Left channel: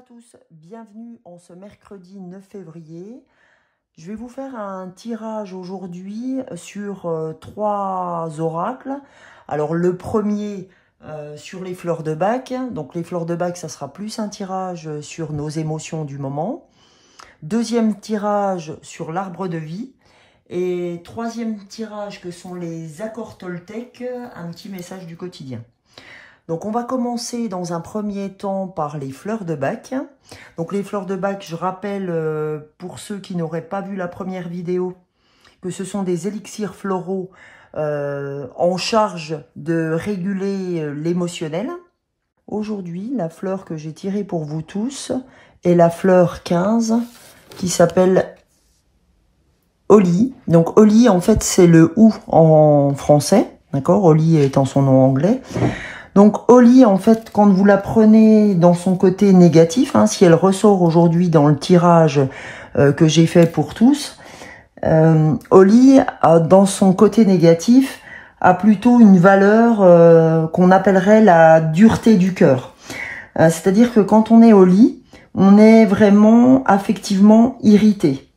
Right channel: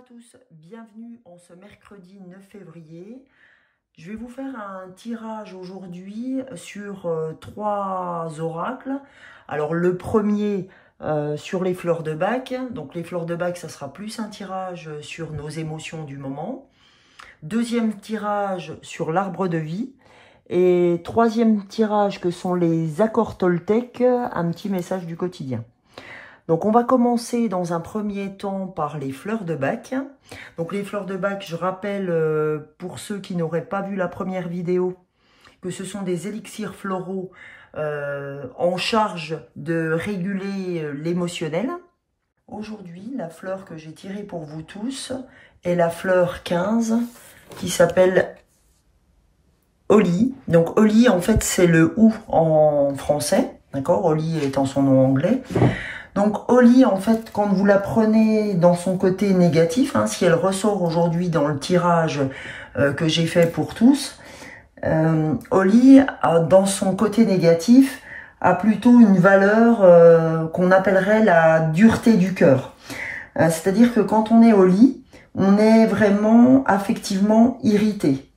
à tous, bienvenue en ce mercredi 9 février. Je vais vous faire un tirage aujourd'hui sur 3 oracles. Alors le premier sur les fleurs de Bach. Donc les fleurs de Bach, ça sera plus un tirage sur nos émotions du moment. Deuxième tirage sur l'arbre de vie. Et troisième tirage que sont les accords Toltec, un petit message du quotidien. Donc on va commencer dans un premier temps par les fleurs de Bach. Donc les fleurs de Bach, je rappelle pour ceux qui n'auraient pas vu la première vidéo, que ce sont des élixirs floraux en charge de réguler l'émotionnel. Aujourd'hui, la fleur que j'ai tirée pour vous tous est la fleur 15 qui s'appelle Holly. Donc Holly, en fait, c'est le ou en français, d'accord? Holly étant son nom anglais. Donc Holly, en fait, quand vous la prenez dans son côté négatif, hein, si elle ressort aujourd'hui dans le tirage que j'ai fait pour tous, Holly, dans son côté négatif, a plutôt une valeur qu'on appellerait la dureté du cœur. C'est-à-dire que quand on est Holly, on est vraiment affectivement irrité.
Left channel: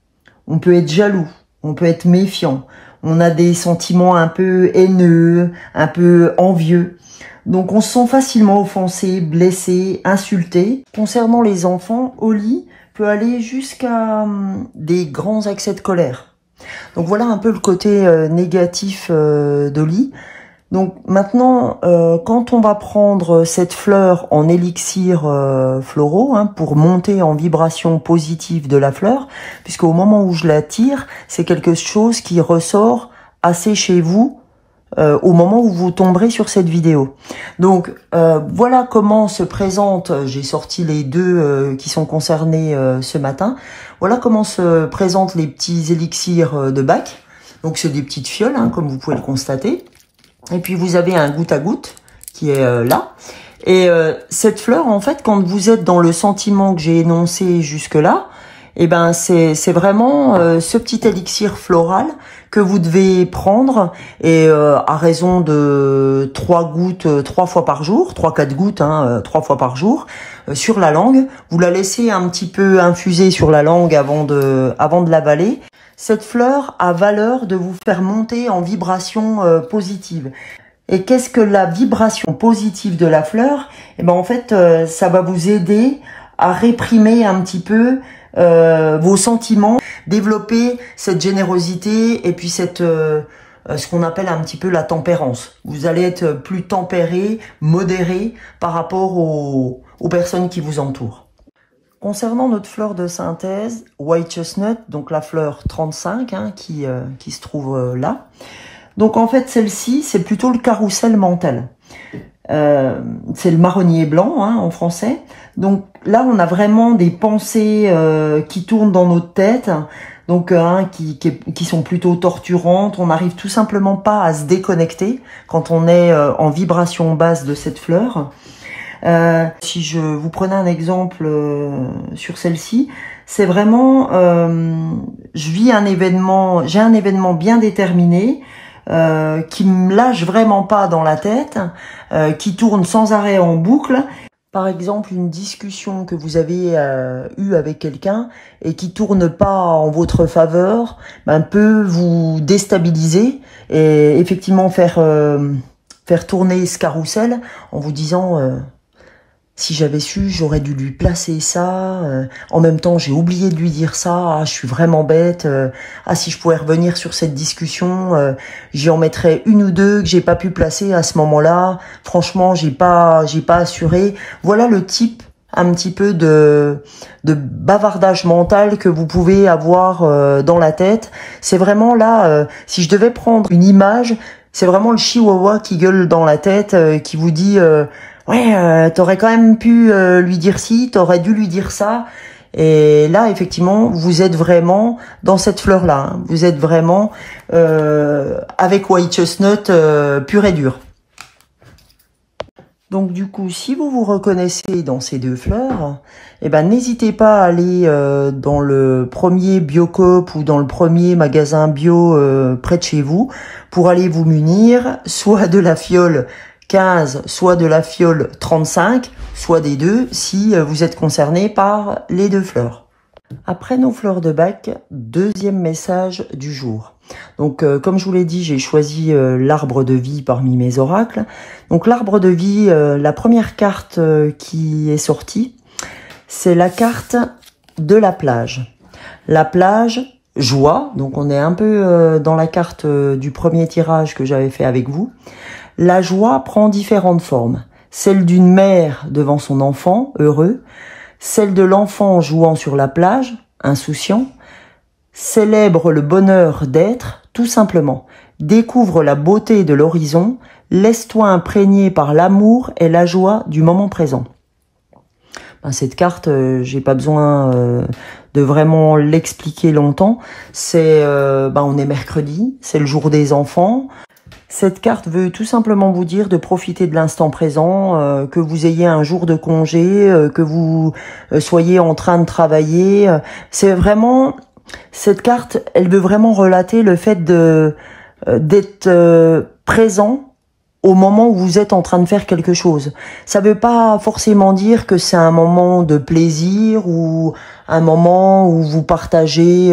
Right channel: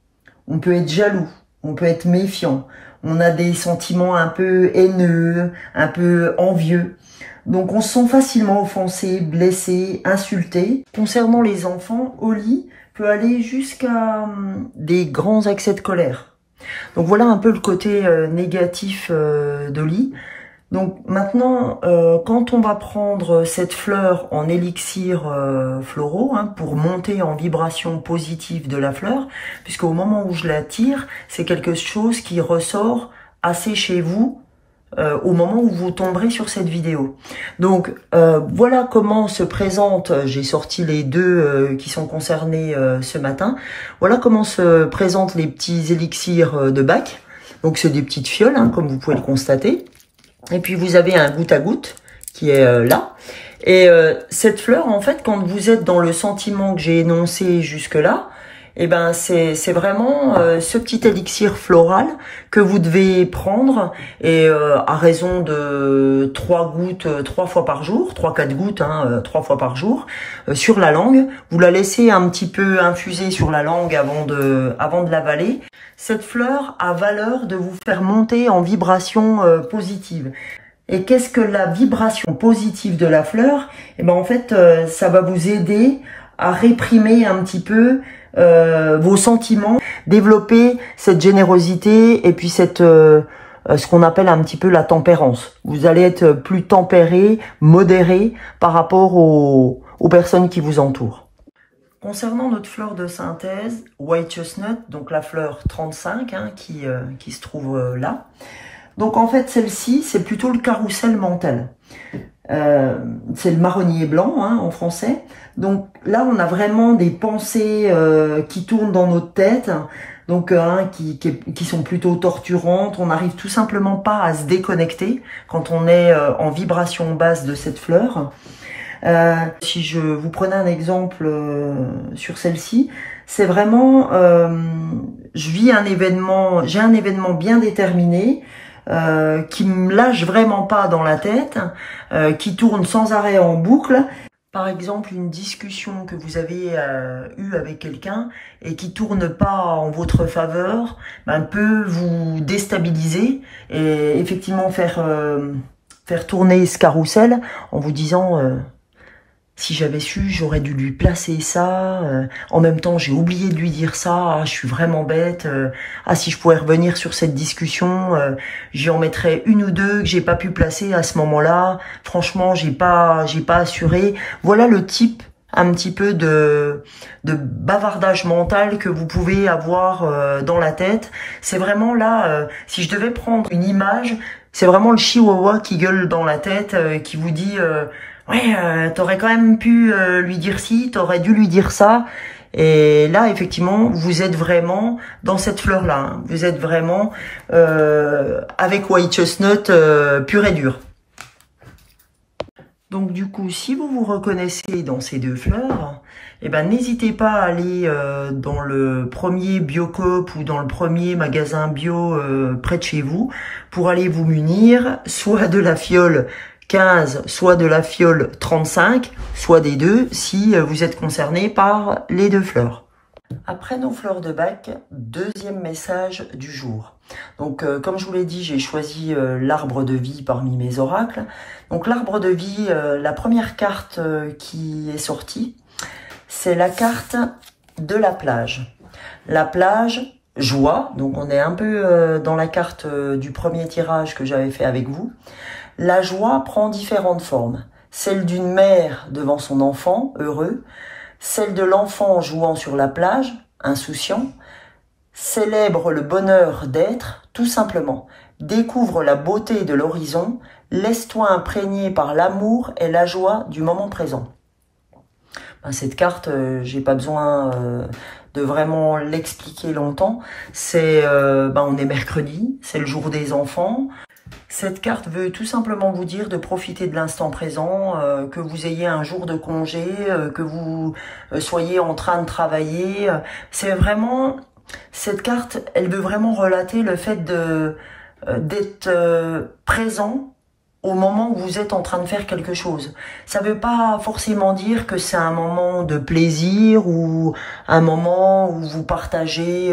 On peut être jaloux, on peut être méfiant, on a des sentiments un peu haineux, un peu envieux. Donc on se sent facilement offensé, blessé, insulté. Concernant les enfants, Holly peut aller jusqu'à des grands accès de colère. Donc voilà un peu le côté négatif d'Holly. Donc maintenant, quand on va prendre cette fleur en élixir floraux, hein, pour monter en vibration positive de la fleur, puisqu'au moment où je la tire, c'est quelque chose qui ressort assez chez vous, au moment où vous tomberez sur cette vidéo. Donc voilà comment se présente, j'ai sorti les deux qui sont concernés ce matin, voilà comment se présentent les petits élixirs de Bach. Donc c'est des petites fioles, hein, comme vous pouvez le constater. Et puis vous avez un goutte à goutte qui est là. Et cette fleur, en fait, quand vous êtes dans le sentiment que j'ai énoncé jusque-là, eh ben c'est vraiment ce petit élixir floral que vous devez prendre et à raison de 3 gouttes 3 fois par jour, 3-4 gouttes 3 fois par jour sur la langue. Vous la laissez un petit peu infuser sur la langue avant de l'avaler. Cette fleur a valeur de vous faire monter en vibration positive. Et qu'est-ce que la vibration positive de la fleur? Eh ben en fait, ça va vous aider à réprimer un petit peu vos sentiments, développer cette générosité et puis cette ce qu'on appelle un petit peu la tempérance. Vous allez être plus tempéré, modéré par rapport aux personnes qui vous entourent. Concernant notre fleur de synthèse, White Chestnut, donc la fleur 35 hein, qui se trouve là. Donc en fait celle-ci, c'est plutôt le carrousel mental. C'est le marronnier blanc hein, en français. Donc là, on a vraiment des pensées qui tournent dans notre tête, donc qui sont plutôt torturantes. On n'arrive tout simplement pas à se déconnecter quand on est en vibration basse de cette fleur. Si je vous prenais un exemple sur celle-ci, c'est vraiment, je vis un événement, j'ai un événement bien déterminé qui me lâche vraiment pas dans la tête, qui tourne sans arrêt en boucle. Par exemple, une discussion que vous avez eue avec quelqu'un et qui tourne pas en votre faveur, peut vous déstabiliser et effectivement faire tourner ce carrousel en vous disant si j'avais su, j'aurais dû lui placer ça. En même temps, j'ai oublié de lui dire ça. Ah, je suis vraiment bête. Si je pouvais revenir sur cette discussion, j'y en mettrais une ou deux que j'ai pas pu placer à ce moment-là. Franchement, j'ai pas assuré. Voilà le type un petit peu de bavardage mental que vous pouvez avoir dans la tête. C'est vraiment là, si je devais prendre une image, c'est vraiment le chihuahua qui gueule dans la tête, qui vous dit ouais, t'aurais quand même pu lui dire ci, t'aurais dû lui dire ça. Et là, effectivement, vous êtes vraiment dans cette fleur-là. Hein. Vous êtes vraiment avec White Chestnut pur et dur. Donc du coup, si vous vous reconnaissez dans ces deux fleurs, eh ben n'hésitez pas à aller dans le premier Biocoop ou dans le premier magasin bio près de chez vous pour aller vous munir soit de la fiole 15, soit de la fiole 35, soit des deux, si vous êtes concerné par les deux fleurs. Après nos fleurs de bac, deuxième message du jour. Donc, comme je vous l'ai dit, j'ai choisi l'arbre de vie parmi mes oracles. Donc, l'arbre de vie, la première carte qui est sortie, c'est la carte de la plage. La plage, joie. Donc, on est un peu dans la carte du premier tirage que j'avais fait avec vous. La joie prend différentes formes. Celle d'une mère devant son enfant, heureux. Celle de l'enfant jouant sur la plage, insouciant. Célèbre le bonheur d'être, tout simplement. Découvre la beauté de l'horizon. Laisse-toi imprégner par l'amour et la joie du moment présent. Cette carte, j'ai pas besoin de vraiment l'expliquer longtemps. C'est, on est mercredi, c'est le jour des enfants. Cette carte veut tout simplement vous dire de profiter de l'instant présent, que vous ayez un jour de congé, que vous soyez en train de travailler. C'est vraiment, cette carte, elle veut vraiment relater le fait d'être présent au moment où vous êtes en train de faire quelque chose. Ça veut pas forcément dire que c'est un moment de plaisir ou un moment où vous partagez,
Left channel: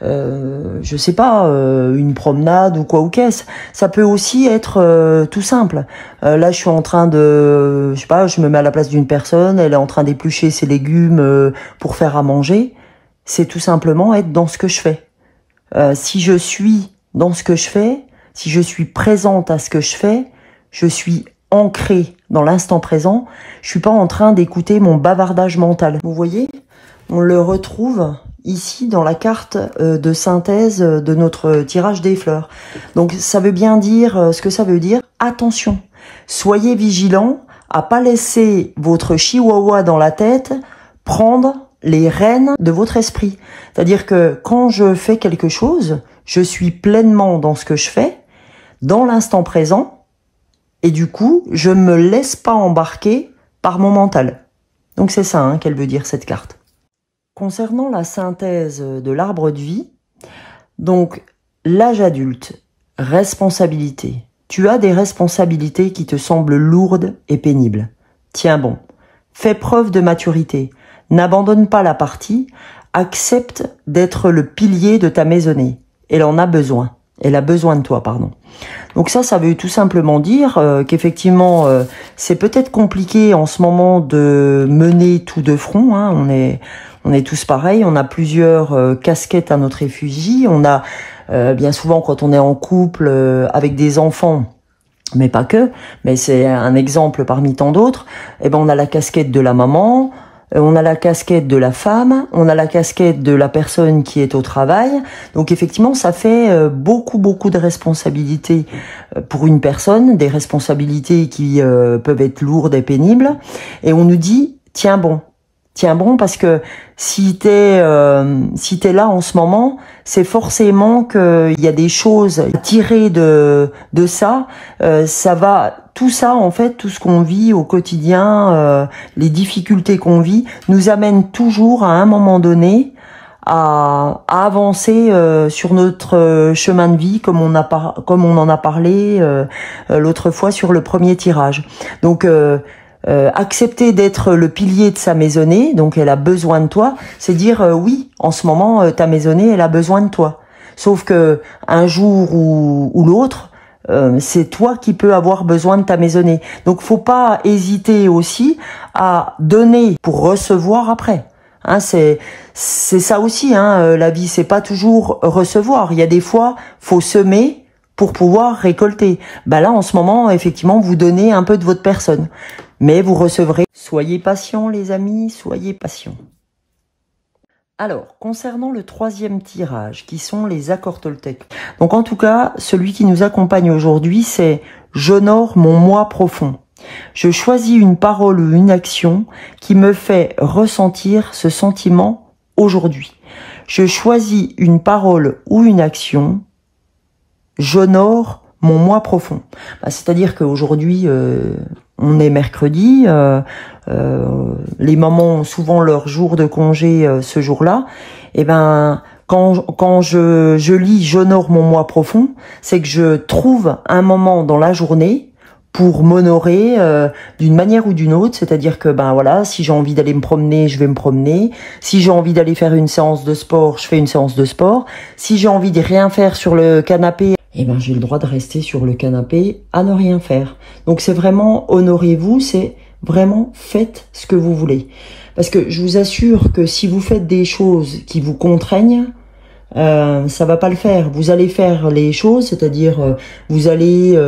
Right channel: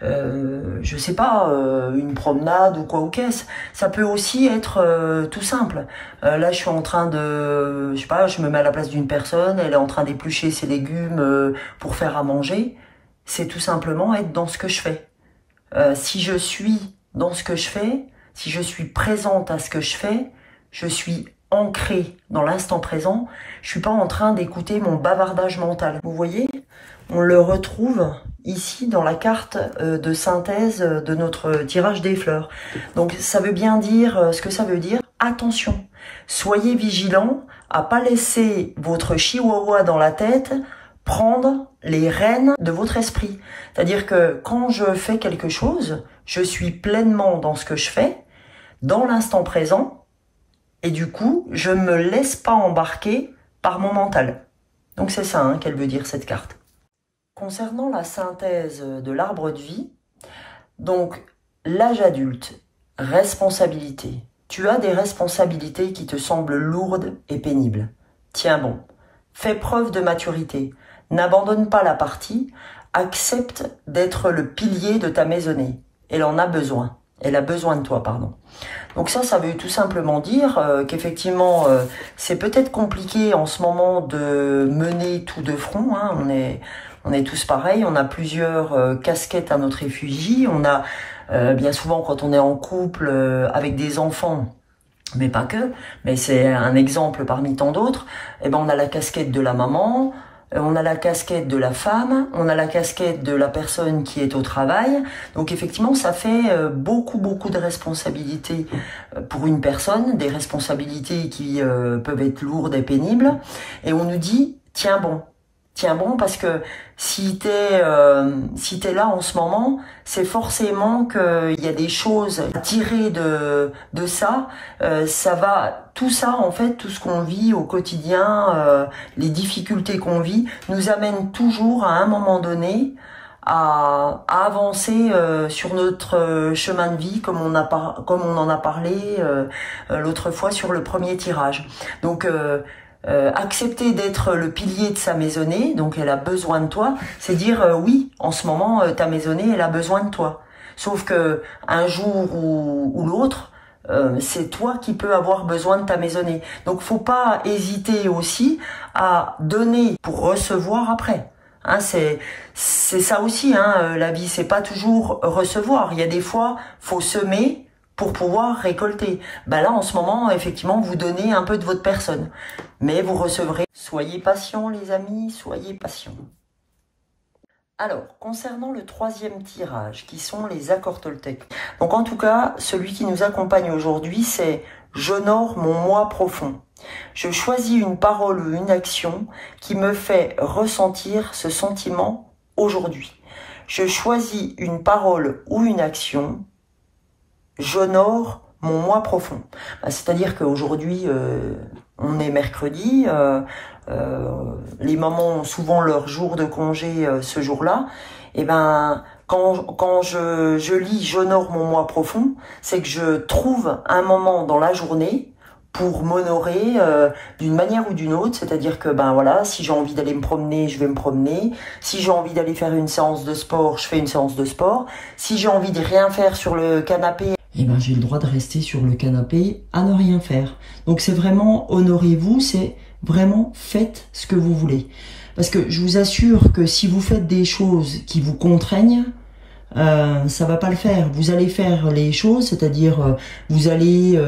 je sais pas, une promenade ou quoi ou qu'est-ce. Ça peut aussi être tout simple. Là, je suis en train de, je sais pas, je me mets à la place d'une personne, elle est en train d'éplucher ses légumes pour faire à manger. C'est tout simplement être dans ce que je fais. Si je suis dans ce que je fais, si je suis présente à ce que je fais, je suis ancrée dans l'instant présent, je suis pas en train d'écouter mon bavardage mental. Vous voyez, on le retrouve ici dans la carte de synthèse de notre tirage des fleurs. Donc ça veut bien dire, ce que ça veut dire, attention, soyez vigilants à pas laisser votre chihuahua dans la tête prendre les rênes de votre esprit. C'est-à-dire que quand je fais quelque chose, je suis pleinement dans ce que je fais, dans l'instant présent, et du coup, je ne me laisse pas embarquer par mon mental. Donc c'est ça qu'elle veut dire, cette carte. Concernant la synthèse de l'arbre de vie, donc l'âge adulte, responsabilité. Tu as des responsabilités qui te semblent lourdes et pénibles. Tiens bon, fais preuve de maturité. N'abandonne pas la partie, accepte d'être le pilier de ta maisonnée. Elle en a besoin. Elle a besoin de toi, pardon. Donc ça veut tout simplement dire qu'effectivement, c'est peut-être compliqué en ce moment de mener tout de front. On est tous pareils, on a plusieurs casquettes à notre effigie. On a bien souvent, quand on est en couple avec des enfants, mais pas que, mais c'est un exemple parmi tant d'autres, on a la casquette de la maman, on a la casquette de la femme, on a la casquette de la personne qui est au travail. Donc effectivement, ça fait beaucoup de responsabilités pour une personne, des responsabilités qui peuvent être lourdes et pénibles. Et on nous dit, tiens bon parce que si t'es là en ce moment, c'est forcément qu'il y a des choses à tirer de ça. Ça va, tout ça en fait, tout ce qu'on vit au quotidien, les difficultés qu'on vit, nous amènent toujours à un moment donné à avancer sur notre chemin de vie, comme on en a parlé l'autre fois sur le premier tirage. Donc accepter d'être le pilier de sa maisonnée, donc elle a besoin de toi, c'est dire oui, en ce moment ta maisonnée elle a besoin de toi. Sauf que un jour ou l'autre, c'est toi qui peux avoir besoin de ta maisonnée. Donc faut pas hésiter aussi à donner pour recevoir après. C'est ça aussi, la vie, c'est pas toujours recevoir. Il y a des fois, faut semer pour pouvoir récolter. Là, en ce moment, effectivement, vous donnez un peu de votre personne. Mais vous recevrez. Soyez patients, les amis, soyez patients. Alors, concernant le troisième tirage, qui sont les accords Toltec. Donc, en tout cas, celui qui nous accompagne aujourd'hui, c'est « J'honore mon moi profond ». Je choisis une parole ou une action qui me fait ressentir ce sentiment aujourd'hui. Je choisis une parole ou une action. J'honore mon moi profond. C'est-à-dire qu'aujourd'hui, on est mercredi, les mamans ont souvent leur jour de congé ce jour-là. Quand je lis « J'honore mon moi profond », c'est que je trouve un moment dans la journée pour m'honorer d'une manière ou d'une autre, c'est-à-dire que ben voilà, si j'ai envie d'aller me promener, je vais me promener. Si j'ai envie d'aller faire une séance de sport, je fais une séance de sport. Si j'ai envie de rien faire sur le canapé, eh ben j'ai le droit de rester sur le canapé à ne rien faire. Donc c'est vraiment honorez-vous, c'est vraiment faites ce que vous voulez. Parce que je vous assure que si vous faites des choses qui vous contraignent, ça va pas le faire. Vous allez faire les choses, c'est-à-dire vous allez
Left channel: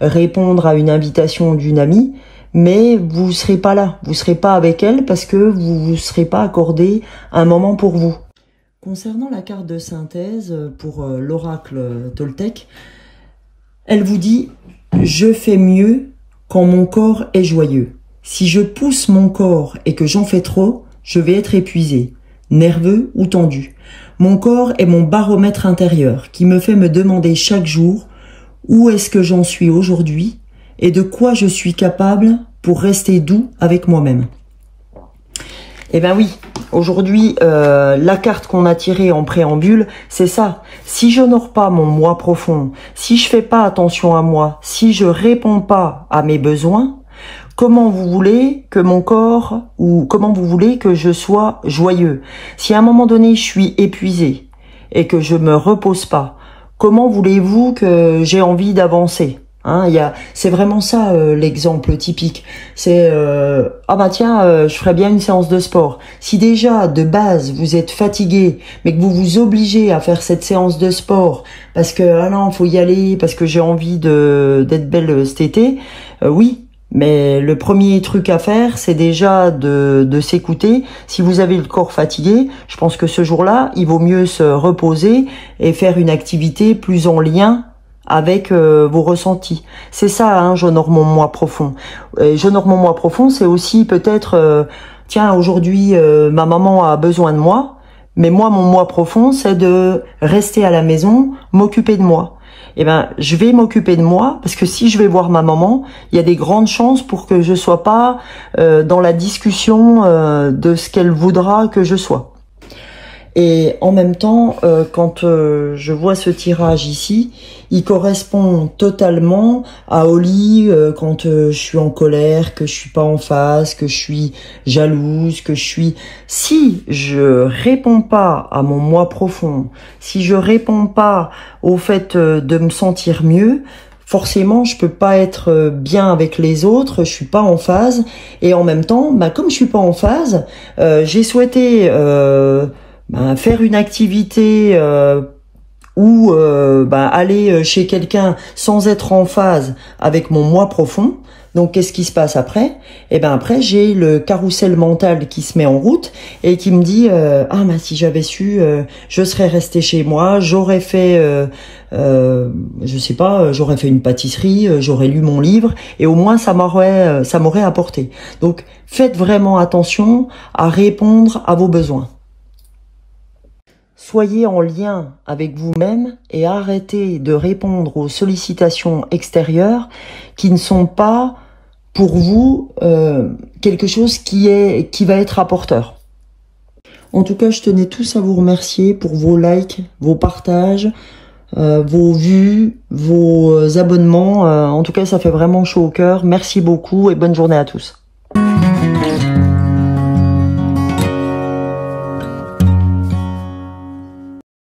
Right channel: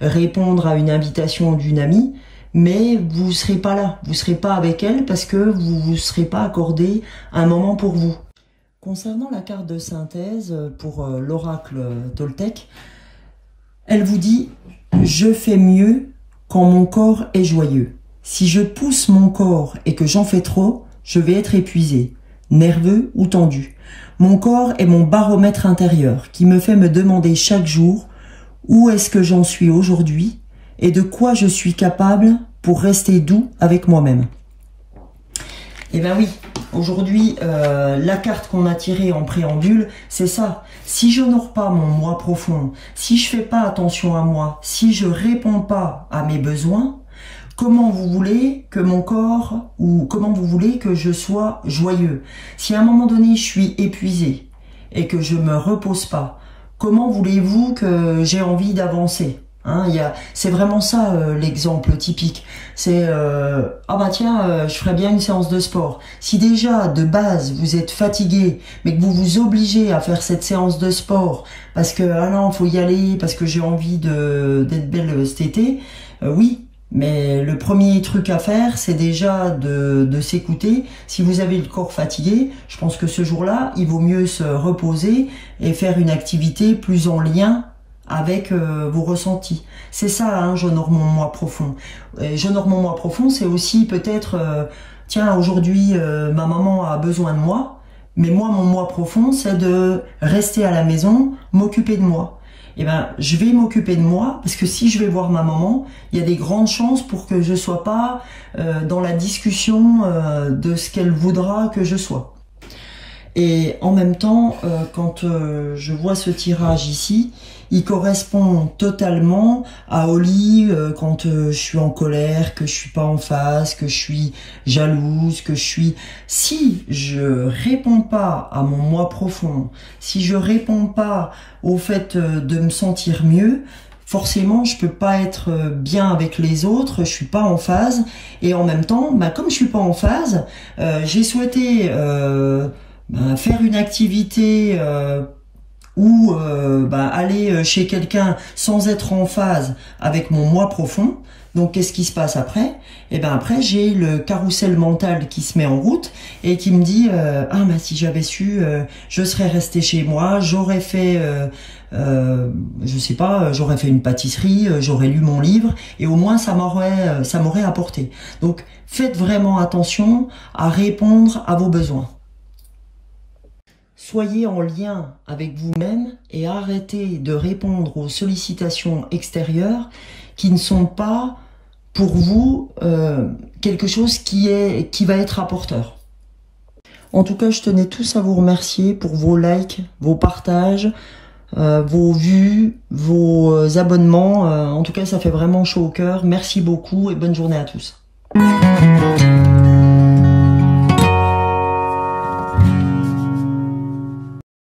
répondre à une invitation d'une amie, mais vous serez pas là, vous serez pas avec elle parce que vous serez pas accordé un moment pour vous. Concernant la carte de synthèse pour l'oracle Toltec, elle vous dit « Je fais mieux quand mon corps est joyeux. Si je pousse mon corps et que j'en fais trop, je vais être épuisé, nerveux ou tendu. Mon corps est mon baromètre intérieur qui me fait me demander chaque jour où est-ce que j'en suis aujourd'hui et de quoi je suis capable pour rester doux avec moi-même. » Eh ben oui, aujourd'hui, la carte qu'on a tirée en préambule, c'est ça. Si je n'honore pas mon moi profond, si je fais pas attention à moi, si je réponds pas à mes besoins, comment vous voulez que mon corps, ou comment vous voulez que je sois joyeux? Si à un moment donné, je suis épuisé et que je me repose pas, comment voulez-vous que j'ai envie d'avancer? Hein, c'est vraiment ça l'exemple typique. C'est ah bah tiens, je ferais bien une séance de sport. Si déjà de base vous êtes fatigué, mais que vous vous obligez à faire cette séance de sport parce que ah non, faut y aller parce que j'ai envie d'être belle cet été, oui. Mais le premier truc à faire, c'est déjà de s'écouter. Si vous avez le corps fatigué, je pense que ce jour-là, il vaut mieux se reposer et faire une activité plus en lien avec vos ressentis. C'est ça, hein, j'honore mon moi profond. J'honore mon moi profond, c'est aussi peut-être, tiens, aujourd'hui, ma maman a besoin de moi, mais moi, mon moi profond, c'est de rester à la maison, m'occuper de moi. Eh ben, je vais m'occuper de moi, parce que si je vais voir ma maman, il y a des grandes chances pour que je sois pas dans la discussion de ce qu'elle voudra que je sois. Et en même temps, quand je vois ce tirage ici, il correspond totalement à Oli quand je suis en colère, que je suis pas en phase, que je suis jalouse, que je suis... Si je réponds pas à mon moi profond, si je réponds pas au fait de me sentir mieux, forcément, je peux pas être bien avec les autres, je suis pas en phase. Et en même temps, bah, comme je suis pas en phase, j'ai souhaité... faire une activité ou aller chez quelqu'un sans être en phase avec mon moi profond. Donc qu'est-ce qui se passe après? Eh ben après j'ai le carrousel mental qui se met en route et qui me dit ah mais si j'avais su, je serais resté chez moi, j'aurais fait je sais pas, j'aurais fait une pâtisserie, j'aurais lu mon livre et au moins ça m'aurait apporté. Donc faites vraiment attention à répondre à vos besoins. Soyez en lien avec vous-même et arrêtez de répondre aux sollicitations extérieures qui ne sont pas pour vous quelque chose qui va être apporteur. En tout cas, je tenais tous à vous remercier pour vos likes, vos partages, vos vues, vos abonnements. En tout cas, ça fait vraiment chaud au cœur. Merci beaucoup et bonne journée à tous.